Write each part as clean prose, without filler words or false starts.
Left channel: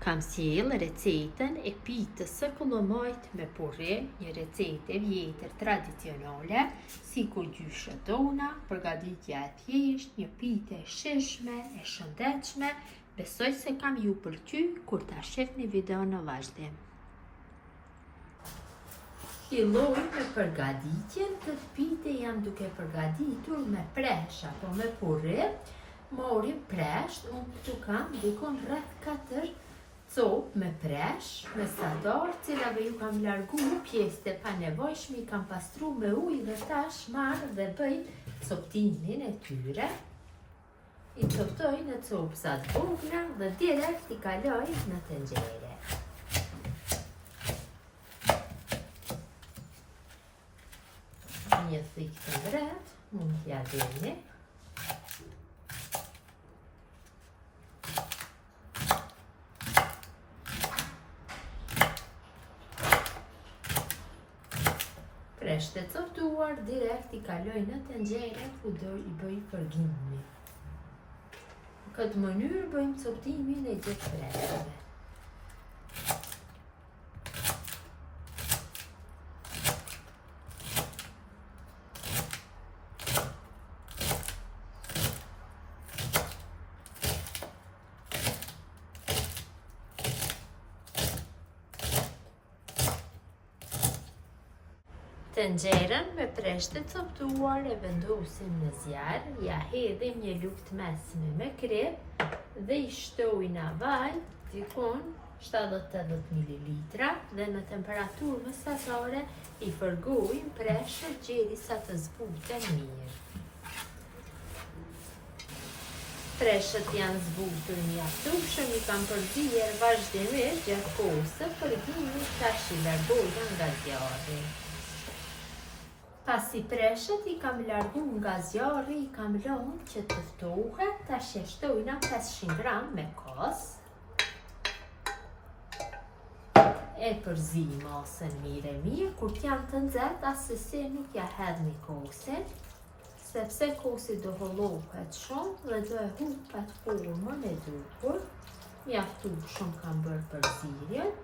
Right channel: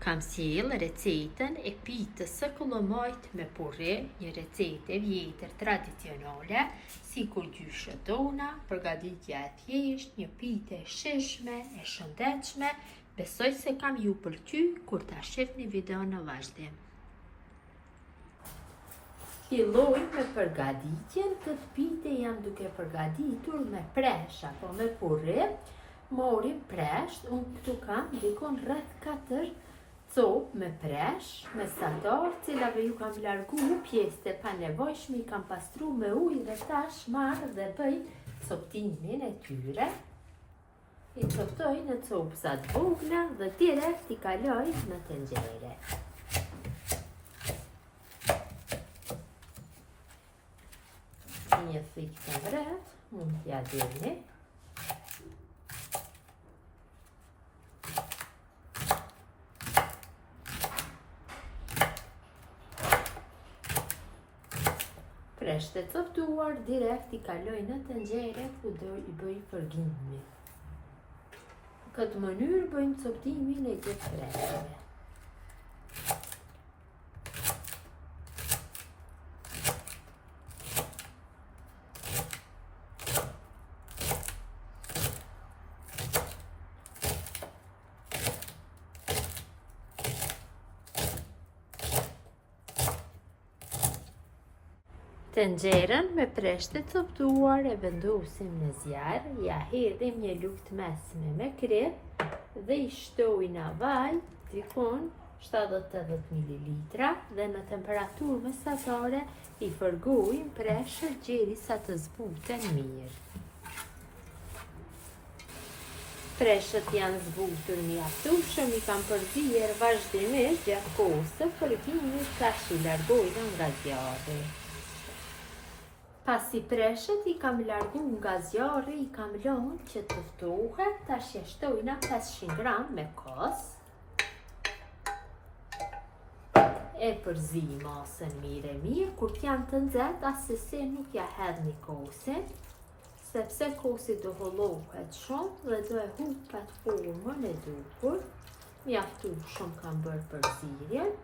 Kam sjell recetën e pitës së kullumojt me purre, një recetë e vjetër tradicionale, si ku gjyshët tona, përgatitja e thjesht, një pitë e shishme, e shëndetshme. Besoj se kam ju pëlqy kur ta shihni videon në vazhdim. Filloj me përgatitjen. Këtë pite jam duke përgatitur me presh apo me purre. Morim presh, unë këtu kam dukon rreth 4 copë me presh, me sadar, cilave ju kam largu pjesët e panevojshme, i kam pastru me ujë dhe tash marr dhe bëj coptimin e tyre. I coptoj në copsa të vogla dhe direkt i kaloj në tenxhere. Një thikë të mbret, mund t'ja dini. Presht e coptuar, direkt i kaloj në tenxhere ku do i bëj përgimin. Në këtë mënyrë bëjmë coptimin e gjithë preshave. Tenxherën me presht e coptuar e vendosim në zjarr, ja hedhim një lugë mesme me krep dhe i shtoj në vaj dikon 70-80 ml dhe në temperaturë mesatare i fërgojmë preshët derisa të zbuten mirë. Preshët janë zbutur mjaftueshëm, i kam përzier vazhdimisht gjatë kohës së fërgimit, tash i largojmë nga zjarri. Pasi preshët i kam largu nga zjarri, i kam lënë që të ftohet, tash e shtojna 500 gram me kos. E përzi masën mirë, kur t'janë të nxehtë, asesi nuk ja hedhni kosin, sepse kosi do hollohet shumë dhe do e hupat formën e duhur. Mjaftueshëm kam bërë përzierjen.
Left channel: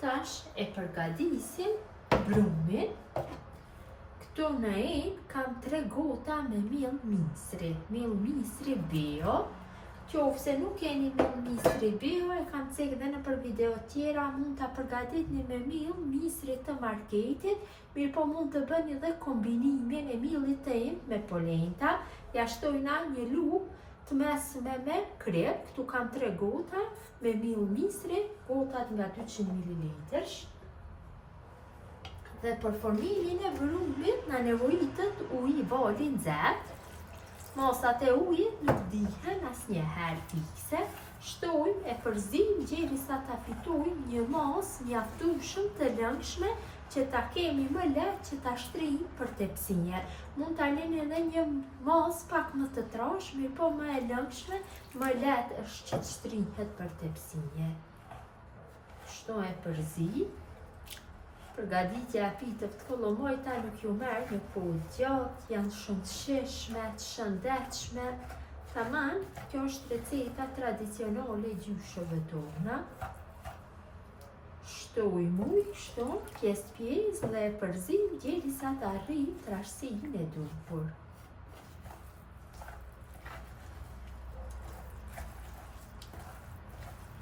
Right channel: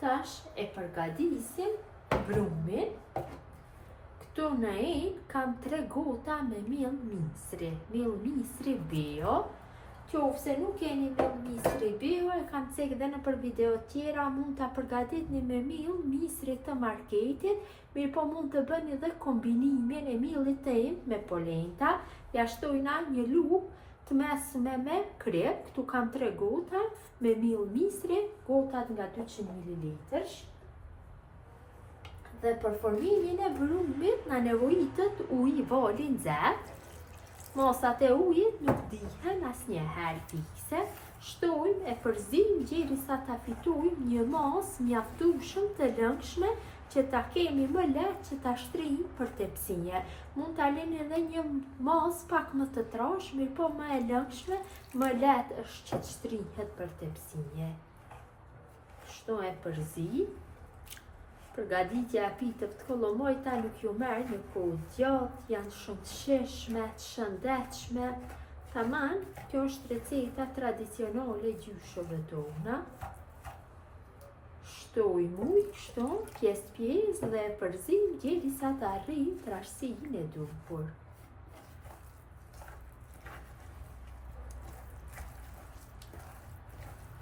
Tash e përgatisim brumin. Këtu në kam 3 gota me miell misri. Miell misri bio. Qofse nuk keni miell misri bio, e kam cek dhe në për video tjera, mund ta përgatitni me miell misri të marketit, mirë po mund të bëni dhe kombinimin e miellit të me polenta. Ja shtojna një lugë të mesme me krep. Këtu kam 3 gota me miell misri, gotat nga 200 ml. Dhe për formimin e brumit na nevojitet ujë vali nxehtë. Mosat e ujit nuk dihen asnjëherë fikse. Shtojmë e përzim derisa ta fitojmë një masë mjaftueshëm të lëngshme që ta kemi më lehtë që ta shtrijmë për tepsinje. Mund ta lëni edhe një masë pak më të trash, mirë po më e lëngshme, më lehtë është që të shtrihet për tepsinje. Kështu e përzi. Përgatitja e pitëve të kullumojta nuk ju merr një kohë gjatë, janë shumë të shishme, të shëndetshme. Tamam, kjo është receta tradicionale e gjyshëve tona. Shtojmë ujë, kështu, pjesë dhe e përzim derisa të arrijë trashësinë e duhur.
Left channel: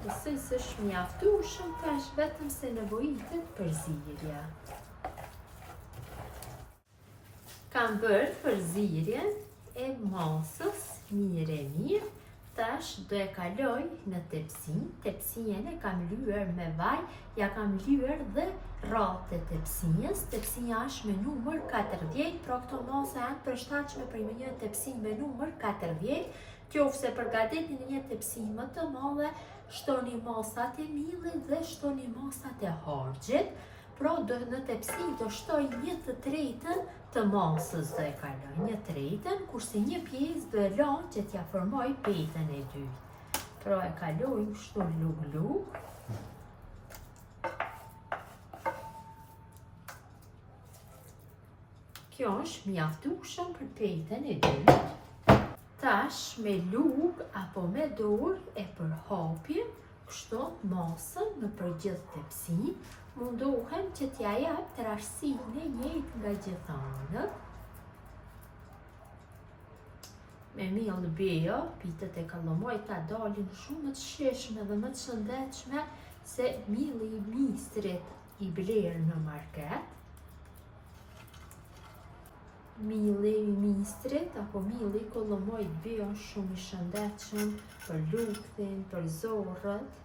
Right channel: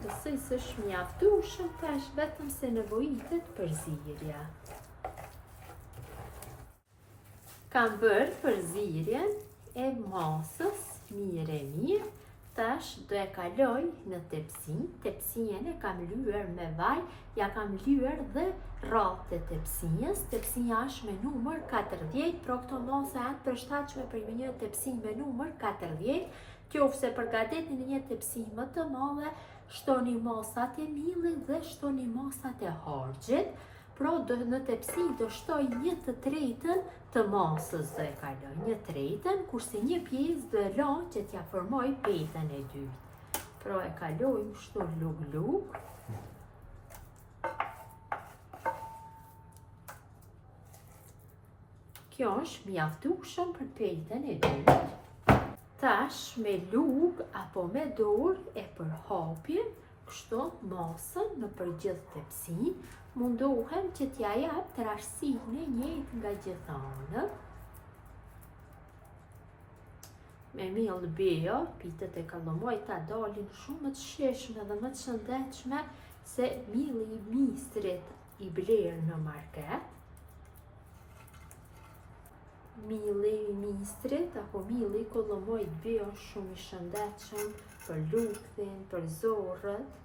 Nëse s'është mjaftueshëm, tash vetëm se nevojitet përzierja. Kam bërë përzierjen e masës mirë. Tash do e kaloj në tepsin. Tepsinjen e kam lyer me vaj, ja kam lyer dhe rratë e tepsinjes. Tepsinja është me numër 40, pra këto masa janë përshtatshme për një tepsin me numër 40. Qofse përgatitni një tepsin më të madhe, shtoni masat e miellit dhe shtoni masat e harxhit. Pra në tepsi do shtoj 1/3 të masës do e kaloj, 1/3, kurse një pjesë do e lë që t'ja formoj petën e dytë. Pra e kalojmë kështu lug. Kjo është mjaftueshëm për petën e dytë. Tash me lugë apo me dorë e përhapim Kështu, masën në përgjithë tepsi, mundohem që t'ja jap trashësinë e njëjtë nga gjithë anët. Me miell bejo, pitët e kalamajta dalin shumë të shishme dhe më të shëndetshme se mielli i mistrit i blerë në market. Mielli i mistrit apo mielli i kalamajt bejo shumë i shëndetshëm për luthin, për zorrët.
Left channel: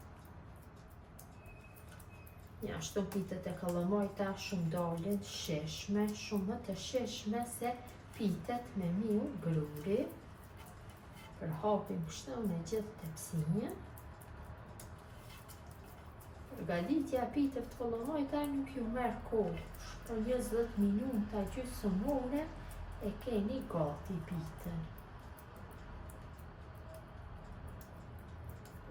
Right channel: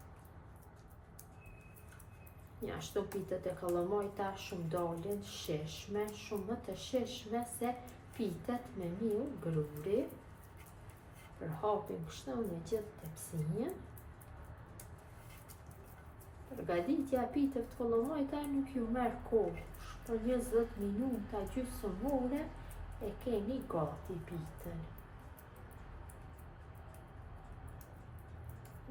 Ashtu pitët e kalamajta shumë dalin shishme, shumë më të shishme se pitët me miell gruri. Përhapim kështu me gjithë tepsinjen. Përgatitja e pitëve të kalamajta nuk ju merr kohë, po 20 minuta gjysmore e keni gati pitën.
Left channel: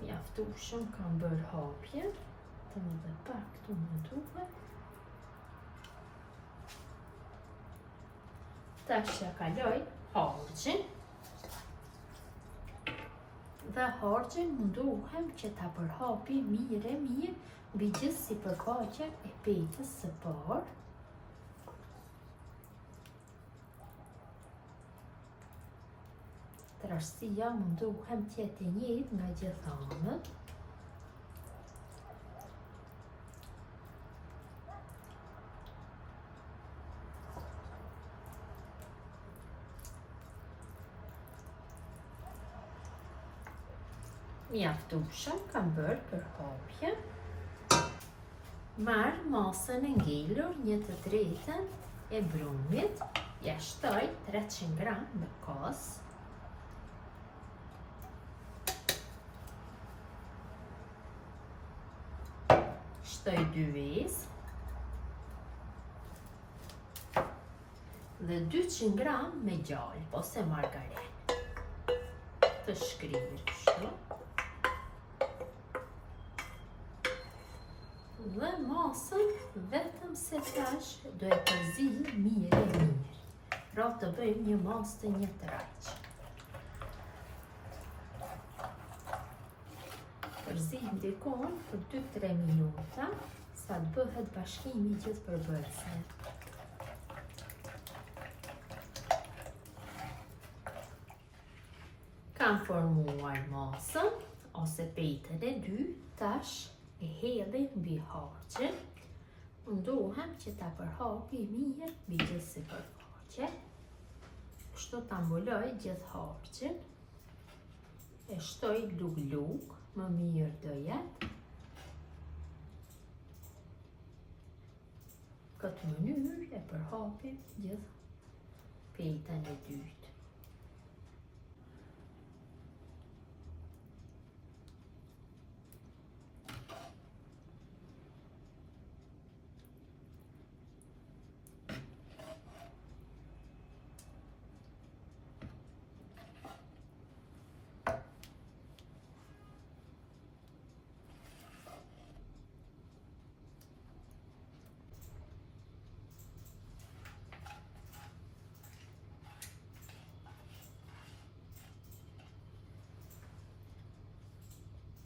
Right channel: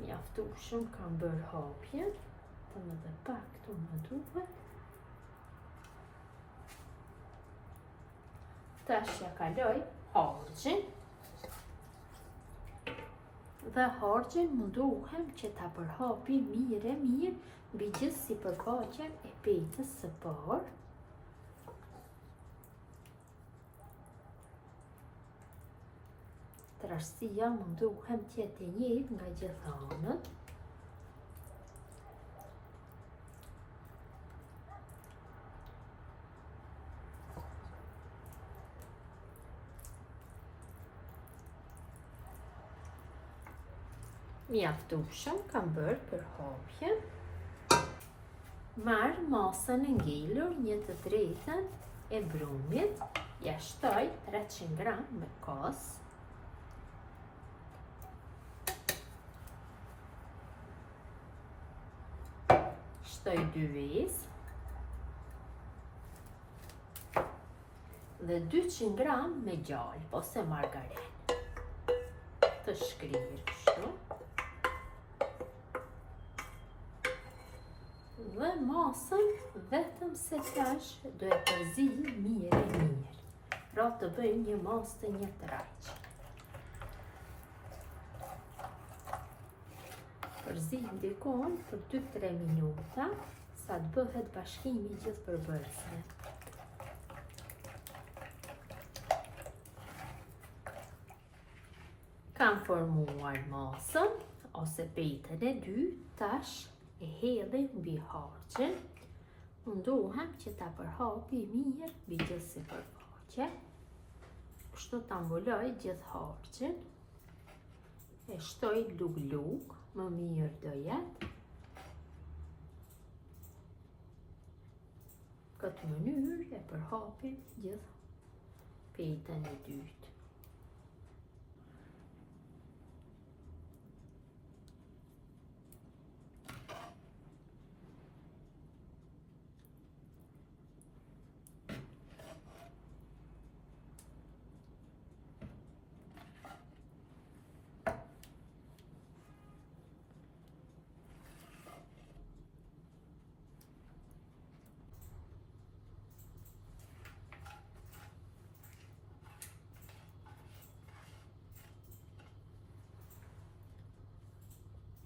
Mjaftueshëm kam bërë hapjen, të më dhe pak këtu më duhet. Tash ja kaloj harxhin. Dhe harxhin mundohem që ta përhapi mirë mbi gjithë sipërfaqen e petës së parë. Trashësia mundohem të jetë e njëjtë nga gjithë anët. Mjaftueshëm kam bërë përhapjen. Marr masën e ngelur 1/3 e brumit, ja shtoj 300 gram në kos. Shtoj 2 vezë dhe 200 gram me gjallë ose margarin. Të shkrirë kështu. Dhe masën vetëm se tash do e përziej mirë. Pra të bëjmë një masë të një tëraq. Përziejmë dikon për 2-3 minuta sa të bëhet bashkimi i gjithë përbërësve. Kam formuar masën ose petën e dytë, tash e hedhi mbi harxhin. Mundohem që ta përhapi mirë mbi gjithë sipërfaqe. Kështu ta mbuloj gjithë harxhin. E shtoj lug-lug, më mirë do jetë. Këtë mënyrë e përhapim gjithë petën e dytë.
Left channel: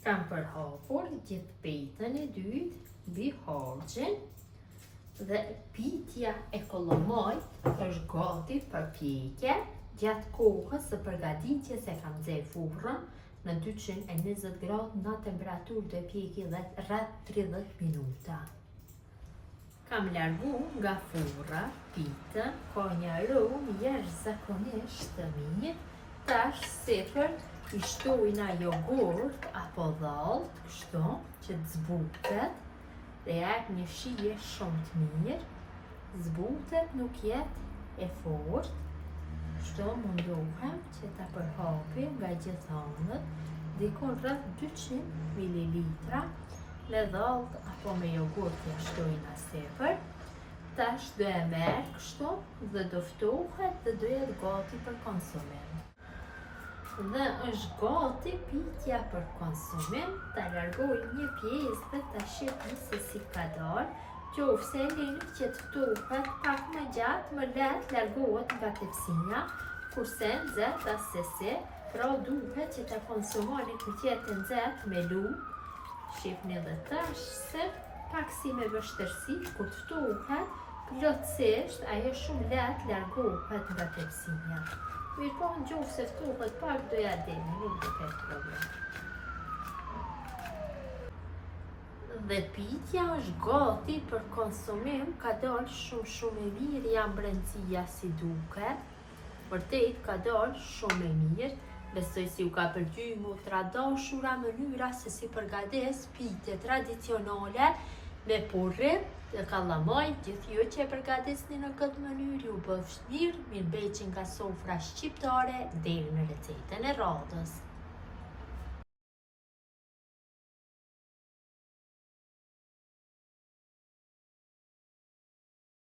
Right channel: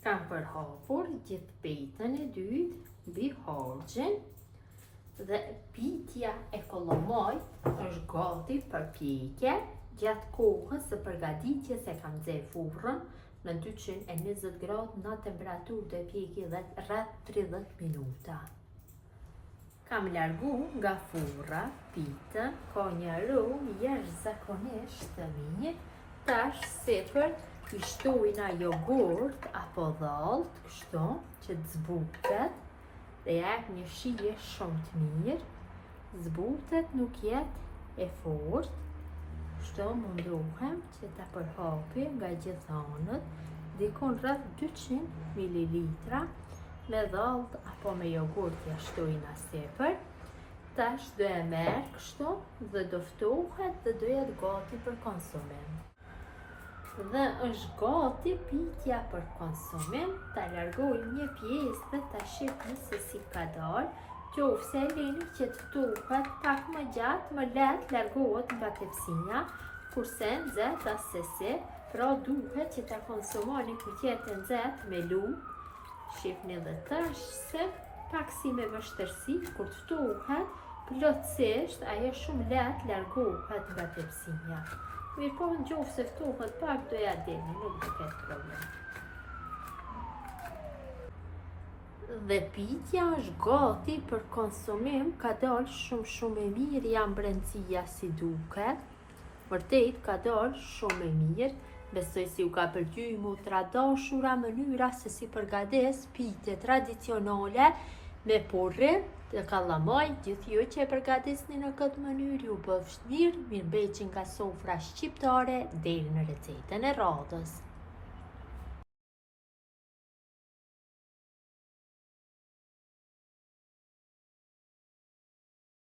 Kam përhapur gjithë petën e dytë mbi harxhin dhe pitja e kalamajt është gati për pjekje. Gjatë kohës së përgatitjes e kam nxjerr furrën në 220 gradë në temperaturë do pjeki rreth 30 minuta. Kam largu nga furra pitën, ka një aromë jashtëzakonisht të mirë. Tash sipër i shtojna jogurt apo dhallë, kështu që të zbutet dhe jep një shije shumë të mirë. Zbutet nuk jetë e fortë. Kështu mundohem që ta përhapim nga gjithë anët, dikon rreth 200 ml me dhallë apo me jogurt ja shtojna sipër. Tash do e merr kështu dhe do ftohet dhe do jetë gati për konsumim. Dhe është gati pitja për konsumim. Ta largoj një pjesë dhe ta shihni se si ka dalë. Qofse e lini që të ftohet pak më gjatë, më lehtë largohet nga tepsinja, kurse nxehtë as se si, pra duhet që ta konsumoni kur të jetë nxehtë me lugë, Shihni dhe tash se pak si me vështërsi, kur të ftohet, plotësisht ajo shumë lehtë largohet nga tepsia. Mirë po në qoftë se ftohet pak do ja deni, nuk do ketë problem. Dhe pitja është gati për konsumim, ka dalë shumë e mirë jam brendësia si duket. Vërtet ka dalë shumë e mirë. Besoj si u ka pëlqyer mu të dashura mënyra se si përgatis pitje tradicionale me porrit dhe kallamaj. Gjithë ju që e përgatisni në këtë mënyrë ju bëfsh mirë, mirëbeqen nga sofra shqiptare deri në recetën e radhës.